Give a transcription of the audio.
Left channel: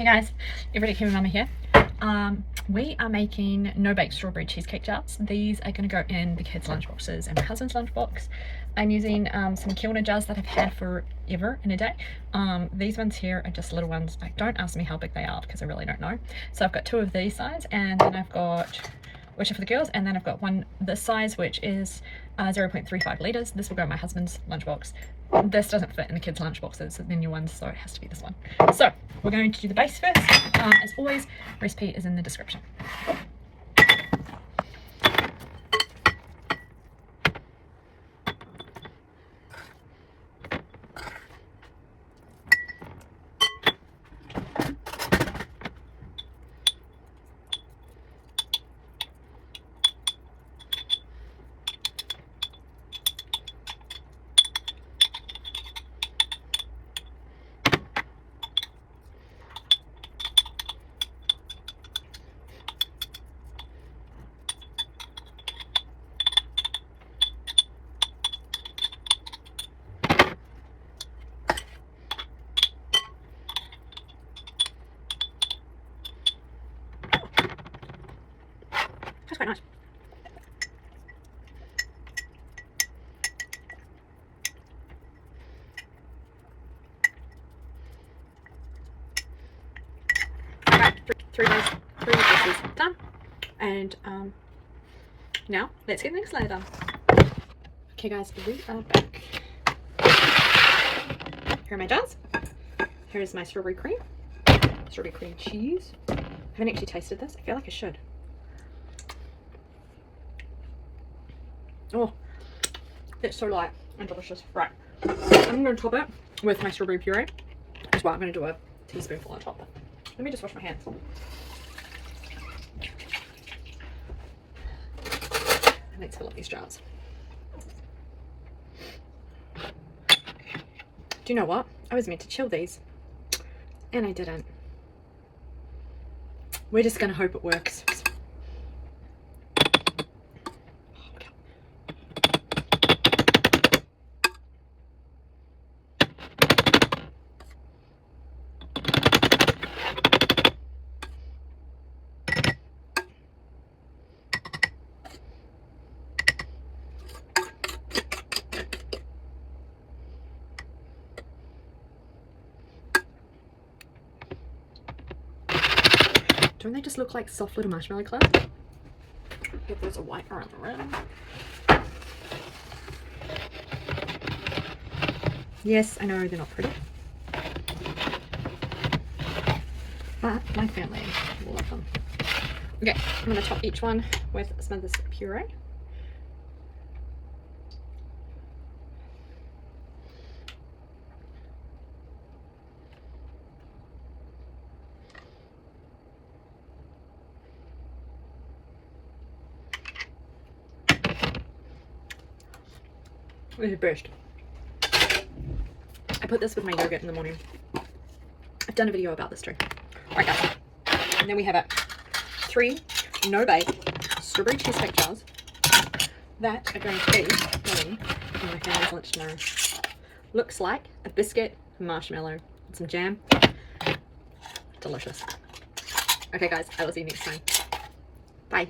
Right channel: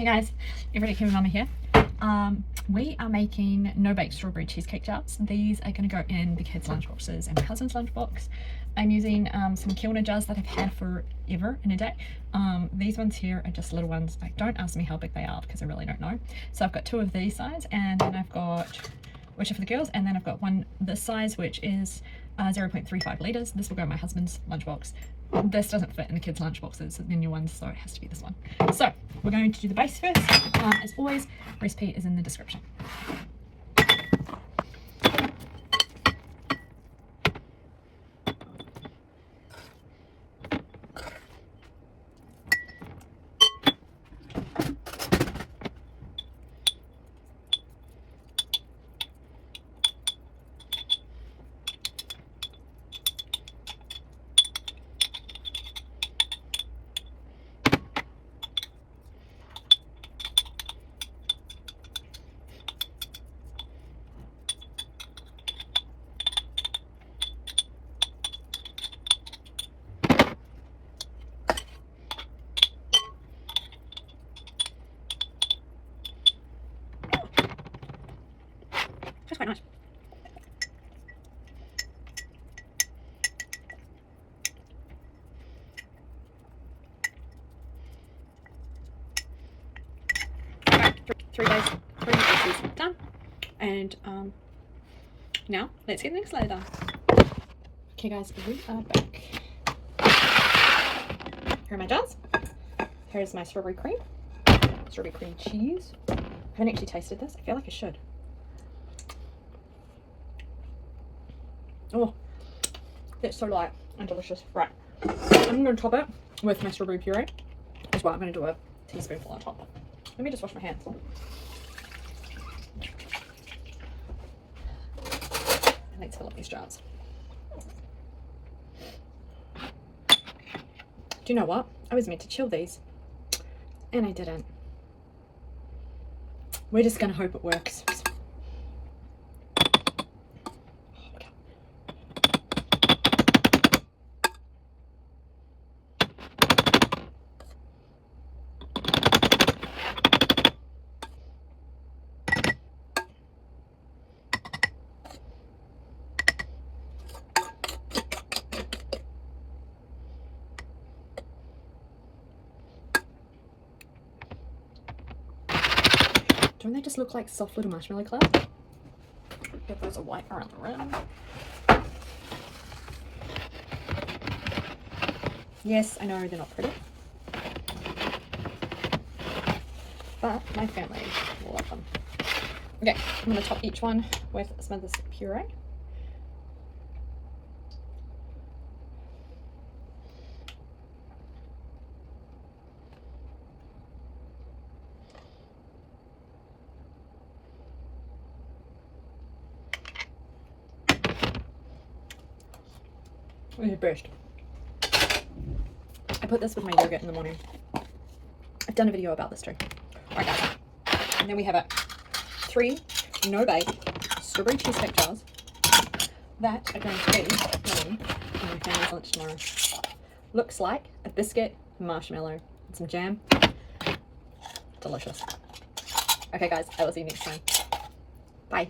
Hey guys, everybody, Kiwi Mumma here. We are making no-bake strawberry cheesecake jars. These are going to go in the kids' lunchboxes and my husband's lunchbox. I'm using some kilner jars that I've had forever in a day. These ones here are just little ones. Don't ask me how big they are because I really don't know. So I've got two of these size, and then I've got, which are for the girls, and then I've got one this size, which is 0.35 litres. This will go in my husband's lunchbox. This doesn't fit in the kids' lunchboxes, the new ones, so it has to be this one. So we're going to do the base first. As always, recipe is in the description. That's quite nice. Okay, three recipes done. And now let's get things later. Okay guys, we are back. Here are my jars. Here's my strawberry cream cheese. I haven't actually tasted this. I feel like I should. Oh, it's so light and delicious. Right, I'm going to top it with my strawberry puree. That's why I'm going to do a teaspoonful on top. Let me just wash my hands. And let's fill up these jars. Do you know what? I was meant to chill these and I didn't. We're just going to hope it works. Don't they just look like soft little marshmallow clubs? If there's a white around the rim. Yes, I know they're not pretty, but my family will love them. Okay, I'm going to top each one with some of this puree. This is best. I put this with my yogurt in the morning. I've done a video about this too. Alright guys, and then we have it. 3 no-bake strawberry cheesecake jars that are going to be going in my family's lunch tomorrow. Looks like a biscuit, marshmallow, and some jam. Delicious. Okay guys, I will see you next time. Bye.